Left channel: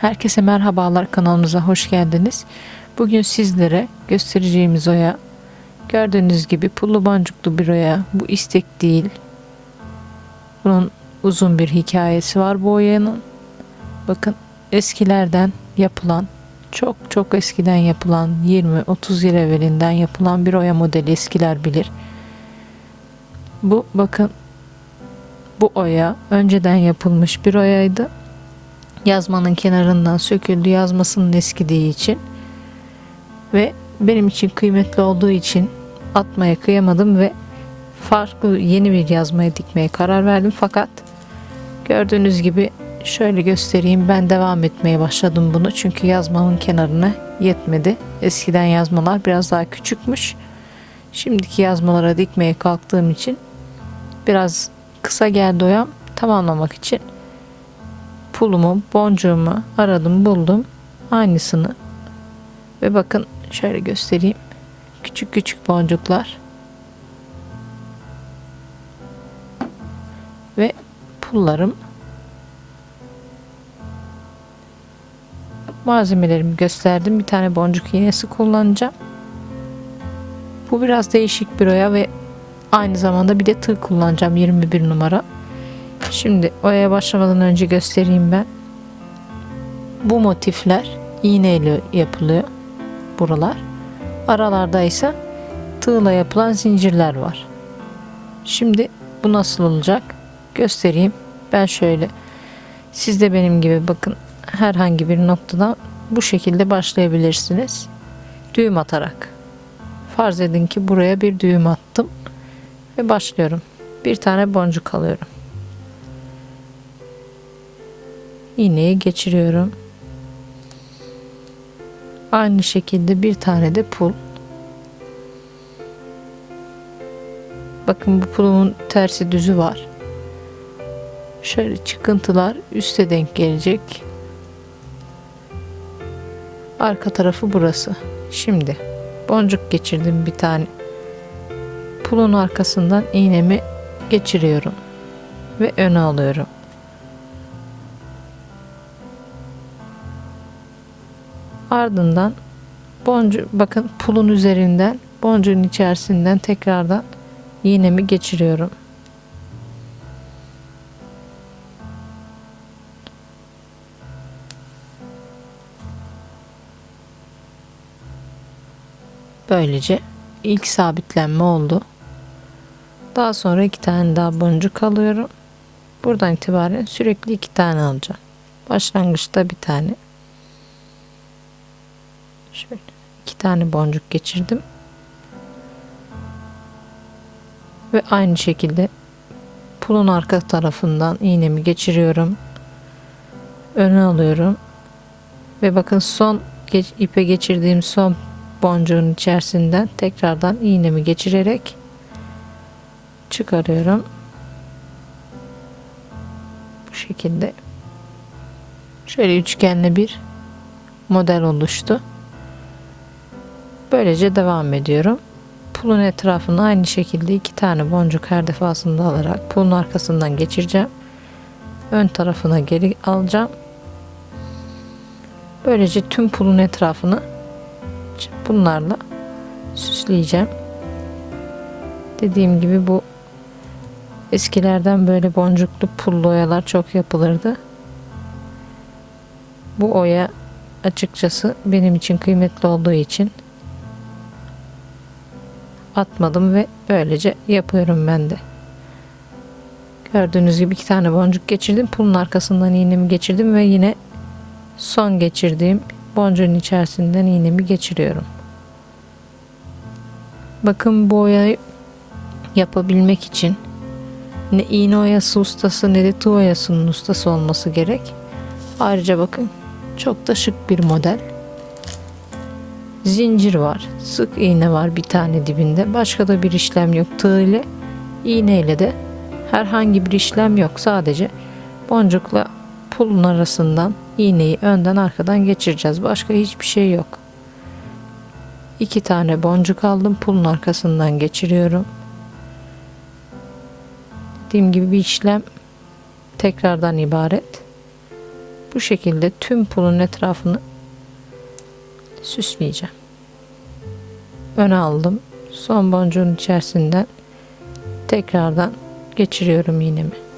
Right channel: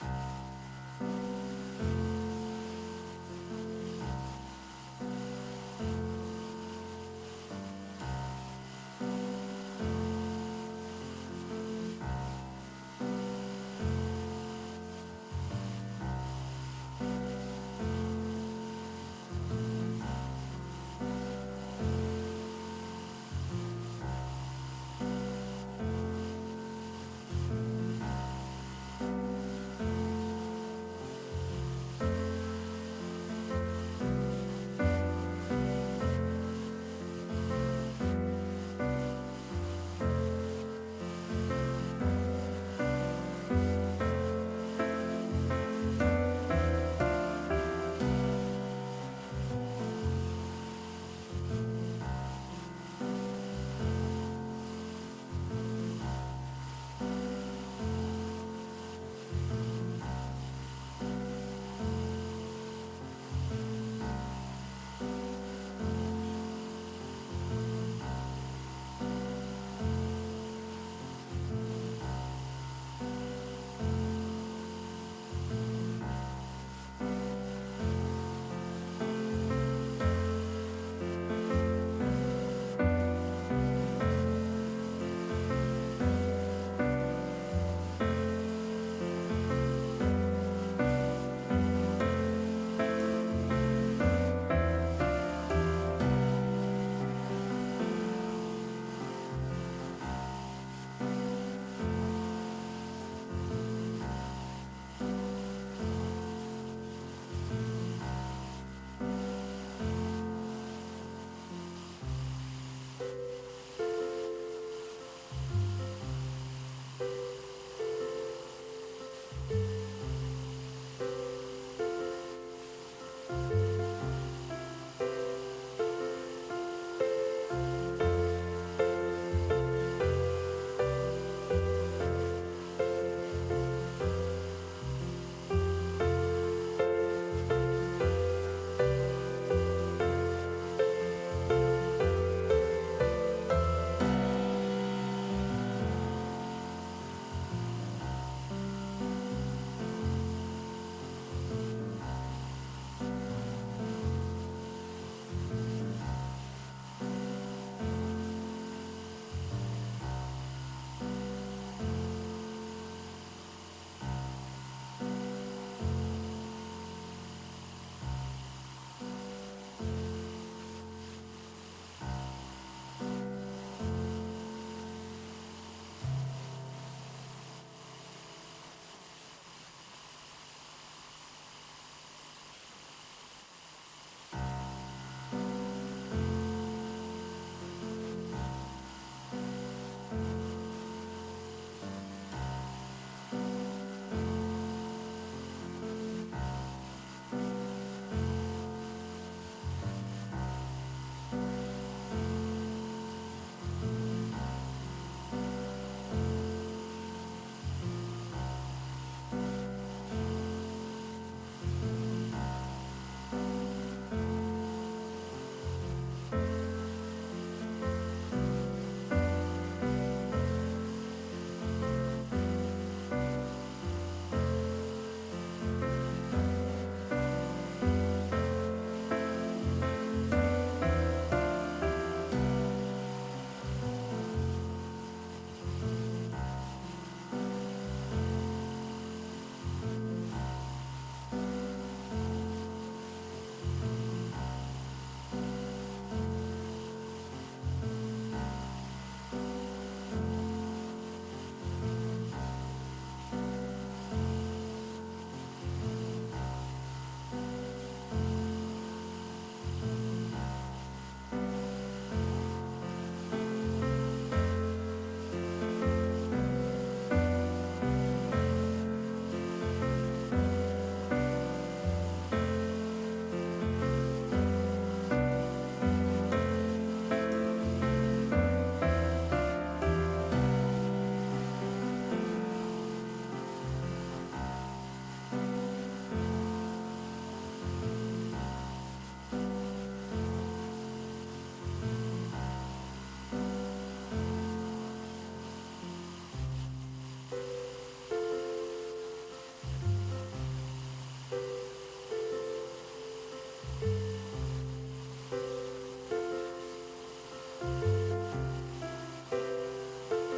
Herkese merhabalar kanalımıza hoş geldiniz. Bugün sizlere göstereceğimiz oya gördüğünüz gibi pullu boncuklu bir oya. Bu istek değil. Bunun uzun bir hikayesi var bu oyanın. Bakın eskilerden yapılan çok çok eskiden yapılan 20-30 yıl evvelinden yapılan bir oya modeli eskiler bilir. Bu bakın bu oya önceden yapılmış bir oyaydı yazmanın kenarından söküldü yazmasının eskidiği için. Ve benim için kıymetli olduğu için atmaya kıyamadım ve farklı yeni bir yazmaya dikmeye karar verdim. Fakat gördüğünüz gibi şöyle göstereyim ben devam etmeye başladım bunu. Çünkü yazmamın kenarına yetmedi. Eskiden yazmalar biraz daha küçükmüş. Şimdiki yazmalara dikmeye kalktığım için biraz kısa geldi oyam. Tamamlamak için pulumu, boncuğumu aradım, buldum. Aynısını. Ve bakın şöyle göstereyim. Küçük küçük boncuklar. Ve pullarım. Malzemelerimi gösterdim. Bir tane boncuk iğnesi kullanacağım. Bu biraz değişik bir oya ve aynı zamanda bir de tığ kullanacağım 21 numara. Şimdi oyaya başlamadan önce göstereyim ben. Bu motifler iğneyle yapılıyor buralar. Aralarda ise tığla yapılan zincirler var. Şimdi bu nasıl olacak göstereyim. Ben şöyle siz de benim gibi bakın herhangi bir noktadan bu şekilde başlayabilirsiniz. Düğüm atarak. Farz edin ki buraya bir düğüm attım ve başlıyorum. Bir tane boncuk alıyorum. İğneyi geçiriyorum. Aynı şekilde bir tane de pul. Bakın bu pulumun tersi düzü var. Şöyle çıkıntılar üste denk gelecek. Arka tarafı burası. Şimdi boncuk geçirdim bir tane. Pulun arkasından iğnemi geçiriyorum ve öne alıyorum. Ardından boncu bakın pulun üzerinden boncuğun içerisinden tekrardan iğnemi geçiriyorum. Böylece ilk sabitlenme oldu. Daha sonra iki tane daha boncuk alıyorum. Buradan itibaren sürekli iki tane alacağım. Başlangıçta bir tane. Şöyle iki tane boncuk geçirdim. Ve aynı şekilde pulun arka tarafından iğnemi geçiriyorum. Öne alıyorum. Ve bakın son geç, ipe geçirdiğim son boncuğun içerisinden tekrardan iğnemi geçirerek çıkarıyorum. Bu şekilde şöyle üçgenli bir model oluştu. Böylece devam ediyorum. Pulun etrafını aynı şekilde iki tane boncuk her defasında alarak pulun arkasından geçireceğim. Ön tarafına geri alacağım. Böylece tüm pulun etrafını bunlarla süsleyeceğim. Dediğim gibi bu eskilerden böyle boncuklu pullu oyalar çok yapılırdı. Bu oya açıkçası benim için kıymetli olduğu için atmadım ve böylece yapıyorum ben de. Gördüğünüz gibi iki tane boncuk geçirdim. Pulun arkasından iğnemi geçirdim ve yine son geçirdiğim boncuğun içerisinden iğnemi geçiriyorum. Bakın bu oyayı yapabilmek için ne iğne oyası ustası ne de tığ oyasının ustası olması gerek. Ayrıca bakın çok da şık bir model zincir var. Sık iğne var bir tane dibinde. Başka da bir işlem yok. Tığ ile iğne ile de herhangi bir işlem yok. Sadece boncukla pulun arasından iğneyi önden arkadan geçireceğiz. Başka hiçbir şey yok. İki tane boncuk aldım. Pulun arkasından geçiriyorum. Dediğim gibi bir işlem tekrardan ibaret. Bu şekilde tüm pulun etrafını süsleyeceğim. Öne aldım. Son boncuğun içerisinden tekrardan geçiriyorum iğnemi.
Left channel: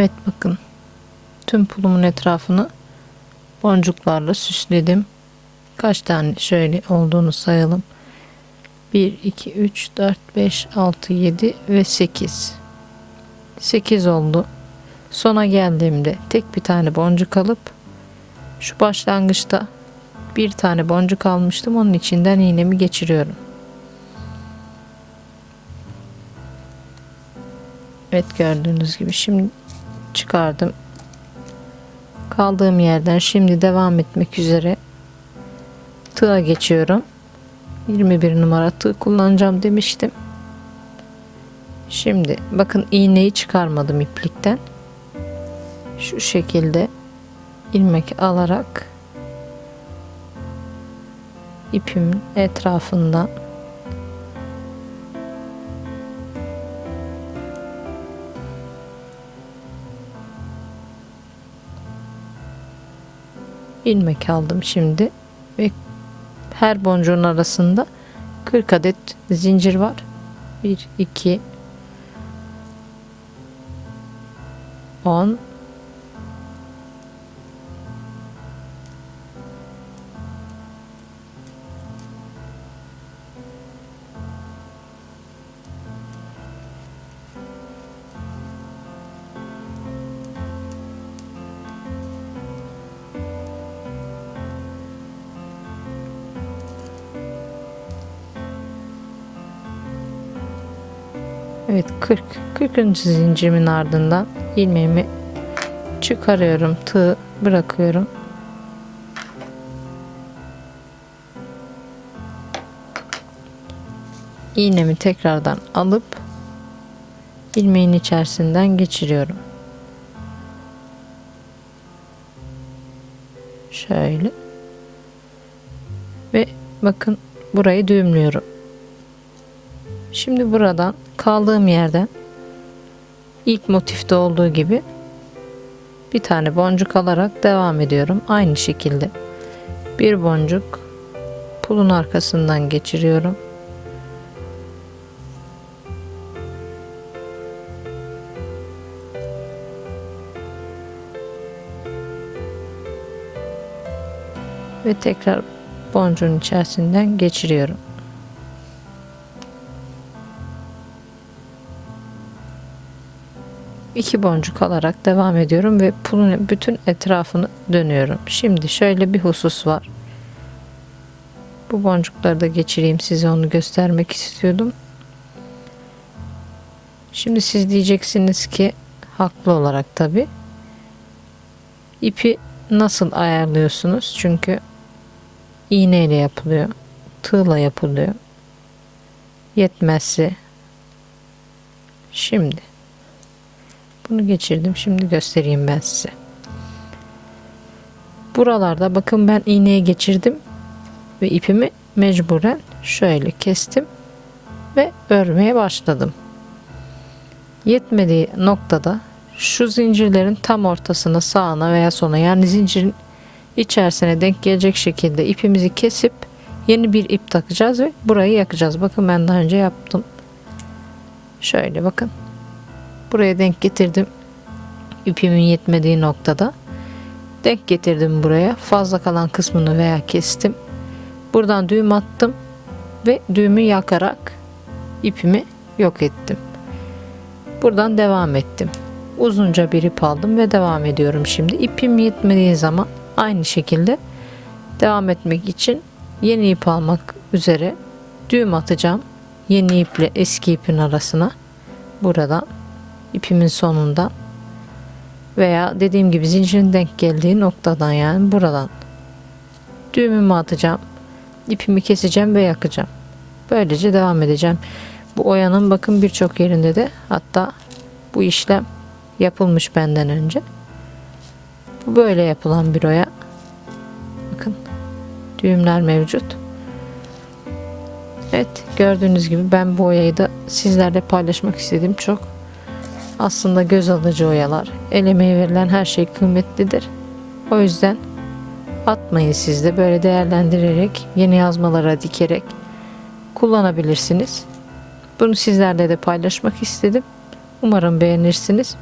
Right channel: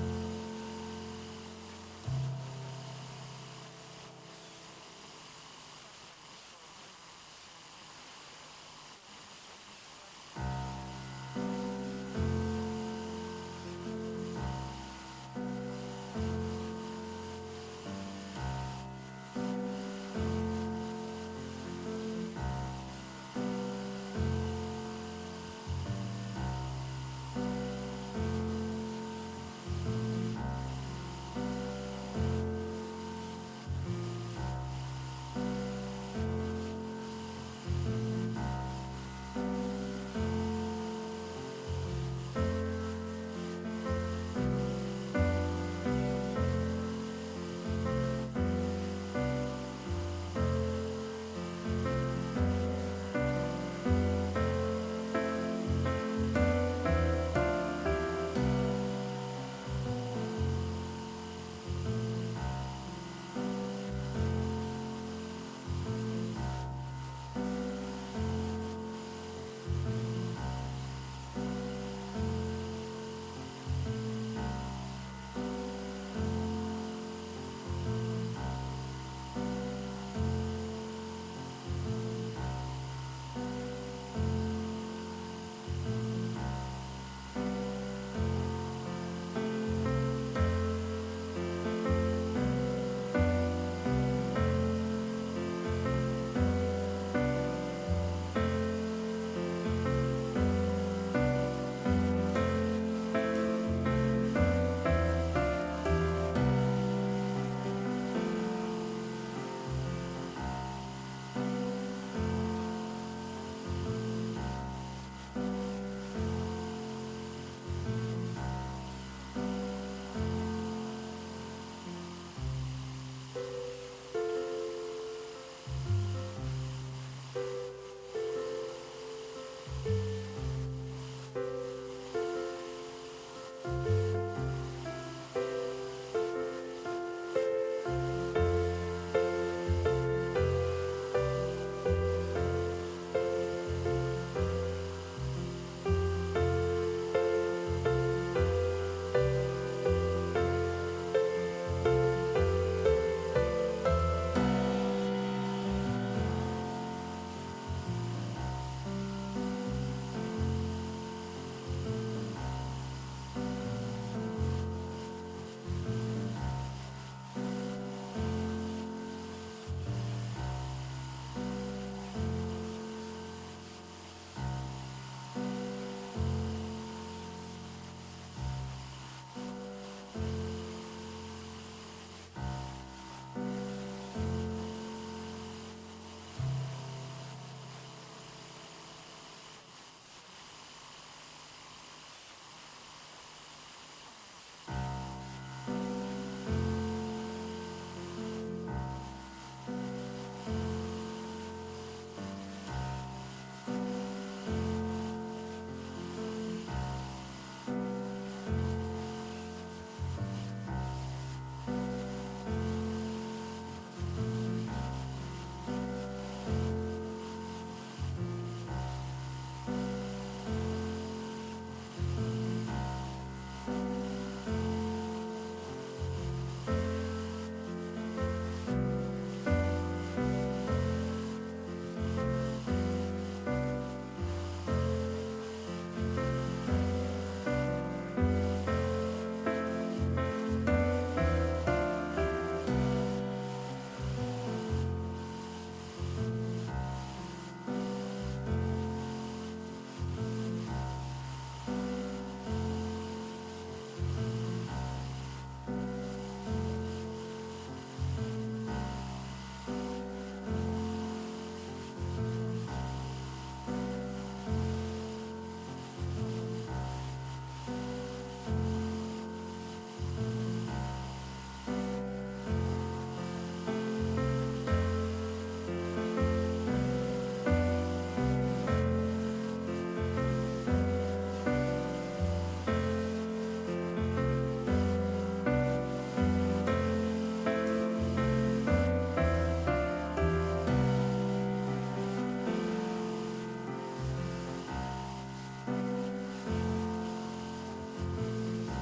Evet bakın. Tüm pulumun etrafını boncuklarla süsledim. Kaç tane şöyle olduğunu sayalım. 1, 2, 3, 4, 5, 6, 7 ve 8. 8 oldu. Sona geldiğimde tek bir tane boncuk alıp şu başlangıçta bir tane boncuk almıştım. Onun içinden iğnemi geçiriyorum. Evet gördüğünüz gibi şimdi çıkardım. Kaldığım yerden şimdi devam etmek üzere tığa geçiyorum. 21 numara tığ kullanacağım demiştim. Şimdi bakın iğneyi çıkarmadım iplikten. Şu şekilde ilmek alarak ipimin etrafından ilmek aldım şimdi ve her boncuğun arasında 40 adet zincir var. 1 2 10 Evet 40 40. zincirimin ardından ilmeğimi çıkarıyorum tığ bırakıyorum. İğnemi tekrardan alıp ilmeğin içerisinden geçiriyorum. Şöyle. Ve bakın burayı düğümlüyorum Şimdi buradan kaldığım yerden ilk motifte olduğu gibi bir tane boncuk alarak devam ediyorum. Aynı şekilde bir boncuk pulun arkasından geçiriyorum. Ve tekrar boncuğun içerisinden geçiriyorum. İki boncuk alarak devam ediyorum ve pulun bütün etrafını dönüyorum. Şimdi şöyle bir husus var. Bu boncukları da geçireyim size onu göstermek istiyordum. Şimdi siz diyeceksiniz ki haklı olarak tabi ipi nasıl ayarlıyorsunuz? Çünkü iğneyle yapılıyor. Tığla yapılıyor. Yetmezse şimdi bunu geçirdim. Şimdi göstereyim ben size. Buralarda bakın ben iğneye geçirdim ve ipimi mecburen şöyle kestim ve örmeye başladım. Yetmediği noktada şu zincirlerin tam ortasına sağına veya sona yani zincirin içerisine denk gelecek şekilde ipimizi kesip yeni bir ip takacağız ve burayı yakacağız. Bakın ben daha önce yaptım. Şöyle bakın Buraya denk getirdim. İpimin yetmediği noktada. Denk getirdim buraya. Fazla kalan kısmını veya kestim. Buradan düğüm attım ve düğümü yakarak ipimi yok ettim. Buradan devam ettim. Uzunca bir ip aldım ve devam ediyorum şimdi. İpim yetmediği zaman aynı şekilde devam etmek için yeni ip almak üzere düğüm atacağım. Yeni iple eski ipin arasına buradan ipimin sonunda veya dediğim gibi zincirin denk geldiği noktadan yani buradan düğümümü atacağım ipimi keseceğim ve yakacağım. Böylece devam edeceğim. Bu oyanın bakın birçok yerinde de hatta bu işlem yapılmış benden önce. Bu böyle yapılan bir oya bakın düğümler mevcut. Evet gördüğünüz gibi ben bu oyayı da sizlerle paylaşmak istedim çok aslında göz alıcı oyalar. El emeği verilen her şey kıymetlidir. O yüzden atmayın siz de böyle değerlendirerek, yeni yazmalara dikerek kullanabilirsiniz. Bunu sizlerle de paylaşmak istedim. Umarım beğenirsiniz.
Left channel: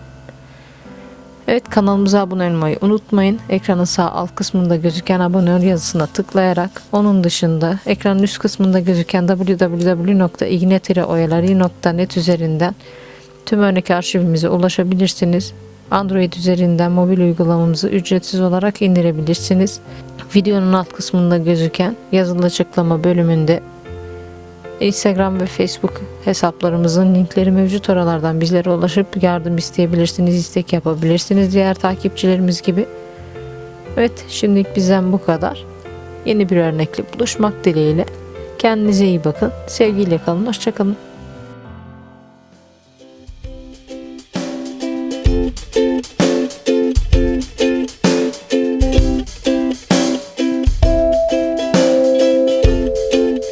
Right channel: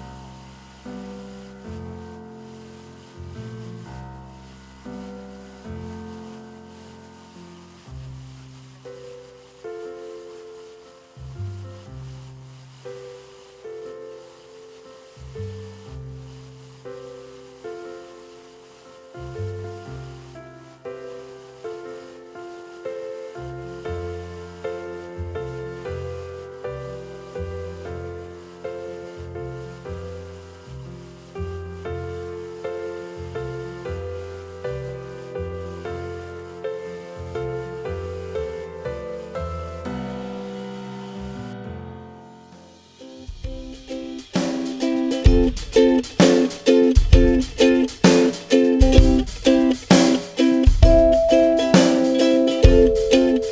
Evet kanalımıza abone olmayı unutmayın. Ekranın sağ alt kısmında gözüken abone ol yazısına tıklayarak onun dışında ekranın üst kısmında gözüken www.ignetire.oyaları.net üzerinden Tüm örnek arşivimize ulaşabilirsiniz. Android üzerinden mobil uygulamamızı ücretsiz olarak indirebilirsiniz. Videonun alt kısmında gözüken yazılı açıklama bölümünde Instagram ve Facebook hesaplarımızın linkleri mevcut oralardan bizlere ulaşıp yardım isteyebilirsiniz, istek yapabilirsiniz diğer takipçilerimiz gibi. Evet şimdilik bizden bu kadar. Yeni bir örnekle buluşmak dileğiyle. Kendinize iyi bakın. Sevgiyle kalın. Hoşçakalın.